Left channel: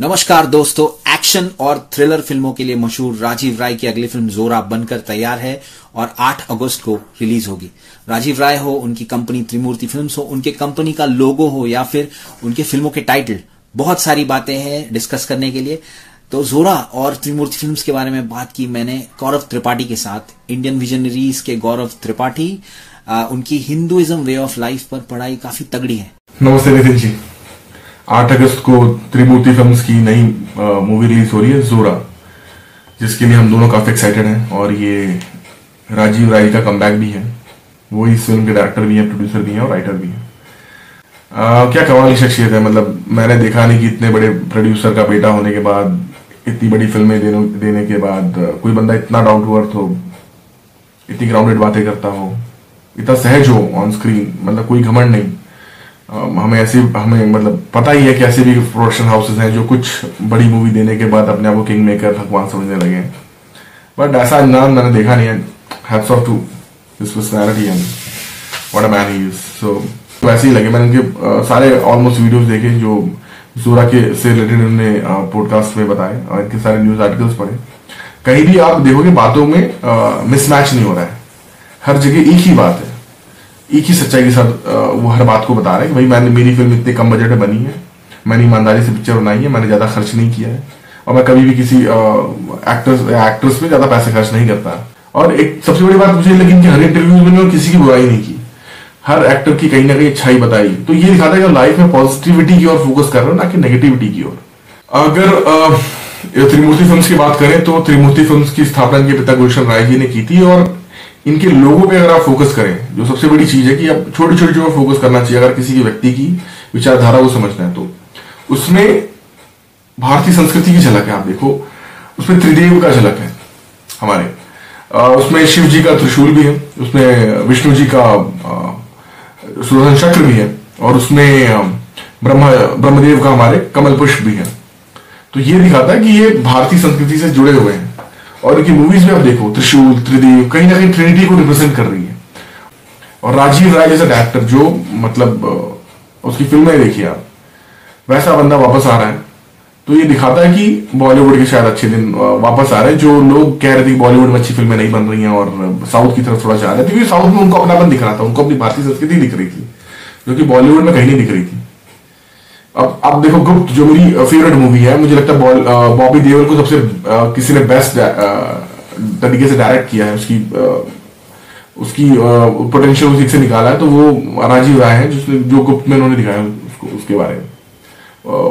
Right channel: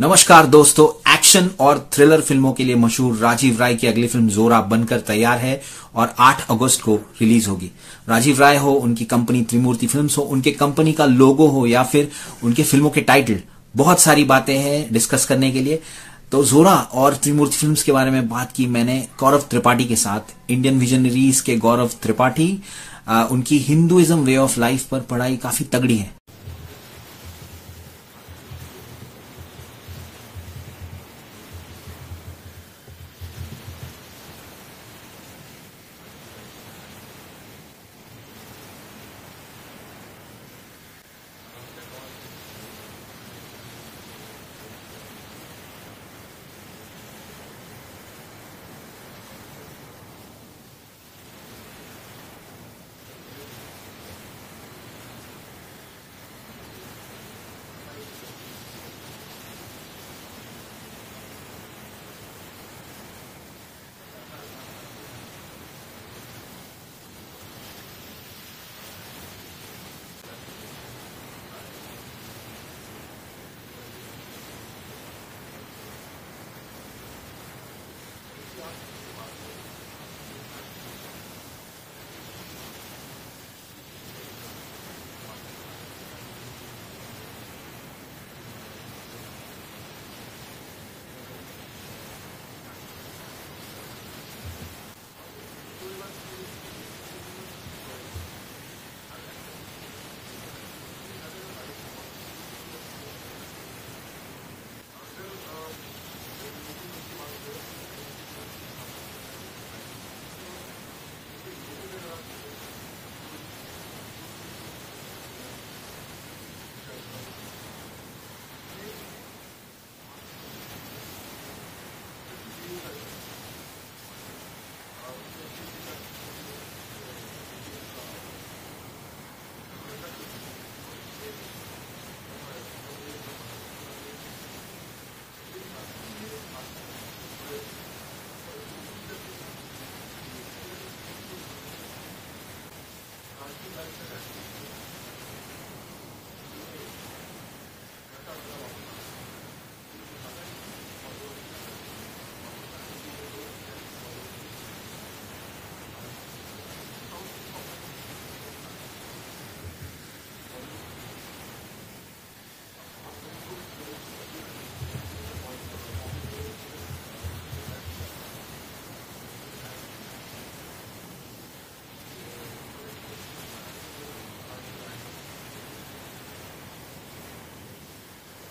नमस्कार दोस्तों, एक्शन और थ्रिलर फिल्मों के लिए मशहूर राजीव राय की अगली फिल्म जोरा बनकर तैयार है और 8 अगस्त को रिलीज होगी। राजीव राय हो, उनकी कंपनी त्रिमूर्ति फिल्म्स हो, उनके कंपनी का लोगो हो या फिर उनके फिल्मों के टाइटल, बहुत सारी बातें हैं डिस्कस करने के लिए। तो जोरा और त्रिमूर्ति फिल्म्स के बारे में बात की मैंने गौरव त्रिपाठी के साथ, इंडियन विजनरीज के गौरव त्रिपाठी। उनकी हिंदुइज्म वे ऑफ लाइफ पर पढ़ाई काफी तगड़ी है। नमस्ते नितिन जी। 8 अगस्त को त्रिमूर्ति फिल्म्स की नई मूवी रिलीज हो रही है जोरा, जिसके लिए हम दोनों काफी एक्साइटेड हैं। और ये राजीव राय का कमबैक भी है। वो इस फिल्म के डायरेक्टर भी हैं, प्रोड्यूसर भी हैं और राइटर भी हैं। क्या कमाल की शख्सियत है। मतलब मैंने देखा नहीं कि इतने बड़े प्रोड्यूसर का बेटा होने के बाद, इतनी बड़ी फिल्में देने के बाद कोई बंदा इतना डाउन टू अर्थ हो, इतनी ग्राउंडेड बातें करता हो, इतना सहज हो ऑन स्क्रीन। मतलब कोई घमंड नहीं। हमें मतलब पता ही है कि ऐसे भी प्रोडक्शन हाउसेस हैं जो कुछ बड़ी मूवी देने के बाद अपने आप को किंग मेकर, भगवान समझने लगे। बट ऐसा नाम मैंने देखा नहीं है। Hats off to this personality and what a man he is. So वैसे ही लगे। मैंने उनके सारे ऑलमोस्ट वीडियोस देखे जो जोरा के से रिलेटेड उन्होंने पॉडकास्ट में बताए, और इनके सारे न्यूज आर्टिकल्स पढ़े। कहीं भी आप देखोगे बातों में मिसमैच नहीं हो रहा है। हर जगह एक ही बात है, एक ही सच्चाई के साथ वो हर बात को बता रहे हैं कि भाई मेरी फिल्म इतने कम बजट में बनी है, मैंने ईमानदारी से पिक्चर बनाई है, मैंने ज्यादा खर्च नहीं किया है, और मैं कभी भी किसी एक्ट्रेस में ज्यादा पैसे खर्च नहीं करता। और एक सबसे बड़ी बात मुझे लगी कि हर इंटरव्यू में उन्होंने किसी की बुराई नहीं की, हर एक्टर की कहीं ना कहीं अच्छाई बताई। तो ये दिखाता है कि लाइफ में पॉजिटिविटी की ओर फोकस कर रहे हो, ना कि नेगेटिविटी की ओर। अगर त्रिमूर्ति फिल्म्स की बात करें तो त्रिमूर्ति फिल्म्स की स्थापना इनके पिता गुलशन राय जी ने की थी। और इनके लोगों पे अगर आप फोकस करें, जो सबसे बड़ी चीज है कि आप छोटी छोटी चीजों पर फोकस करना चाहिए अगर किसी की व्यक्ति की विचारधारा को समझना है। तो उसमें भारतीय संस्कृति की झलक है। आप देखो उसमें त्रिदेव का झलक है हमारे। उसमें शिव जी का त्रिशूल भी है, उसमें विष्णु जी का सुदर्शन चक्र भी है, और उसमें ब्रह्मदेव का हमारे कमल पुष्प भी है। तो ये दिखाता है कि ये भारतीय संस्कृति से जुड़े हुए हैं। और इनकी मूवीज में आप देखो त्रिशूल, त्रिदेव कहीं ना कहीं ट्रिनिटी को रिप्रेजेंट कर रही है। और राजीव राय जैसा डायरेक्टर जो मतलब उसकी फिल्में देखिए आप, वैसा बंदा वापस आ रहा है। तो ये दिखाता है कि बॉलीवुड के शायद अच्छे दिन वापस आ रहे हैं। जो लोग कह रहे थे कि बॉलीवुड में अच्छी फिल्में नहीं बन रही हैं और साउथ की तरफ थोड़ा जा रहे थे, क्योंकि साउथ में उनको अपनापन दिख रहा था, उनको अपनी भारतीय संस्कृति दिख रही थी, जो कि बॉलीवुड में कहीं नहीं दिख रही थी। अब देखो गुप्त, जो मेरी फेवरेट मूवी है, मुझे लगता है बॉबी देओल को सबसे किसी ने बेस्ट तरीके से डायरेक्ट किया है। उसकी पोटेंशियल उसी से निकाला है। तो वो राजीव राय है जो गुप्त में उन्होंने दिखाया उसके बारे में।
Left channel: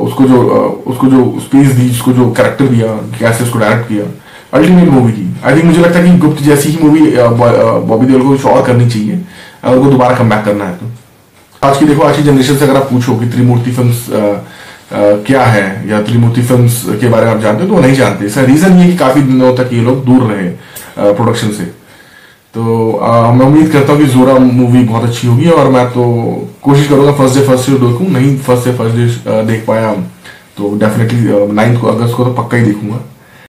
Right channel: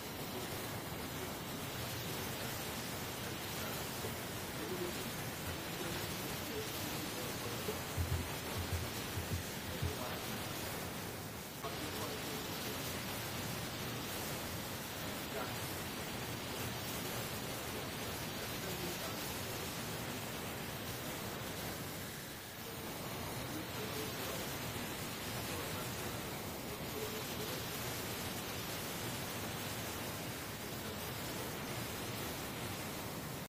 उसको जो स्पेस दी, उसको जो कैरेक्टर दिया, कैसे उसको डायरेक्ट किया, अल्टीमेट मूवी थी। आई थिंक मुझे लगता है कि गुप्त जैसी ही मूवी बॉबी देओल को कुछ और करनी चाहिए अगर उनको दोबारा कम बैक करना है। तो आज की जनरेशन से अगर आप पूछो कि त्रिमूर्ति फिल्म्स क्या है या त्रिमूर्ति फिल्म्स के बारे में आप जानते हो, तो वो नहीं जानते। इसका रीजन ये कि काफी दिनों तक ये लोग दूर रहे प्रोडक्शन से। तो मैं उम्मीद करता हूँ कि जोरा मूवी बहुत अच्छी होगी, और मैं तो कोशिश करूंगा फर्स्ट डे देखूं। नहीं फर्स्ट डे देख पाया तो डेफिनेटली 9 अगस्त को तो पक्का ही देखूंगा।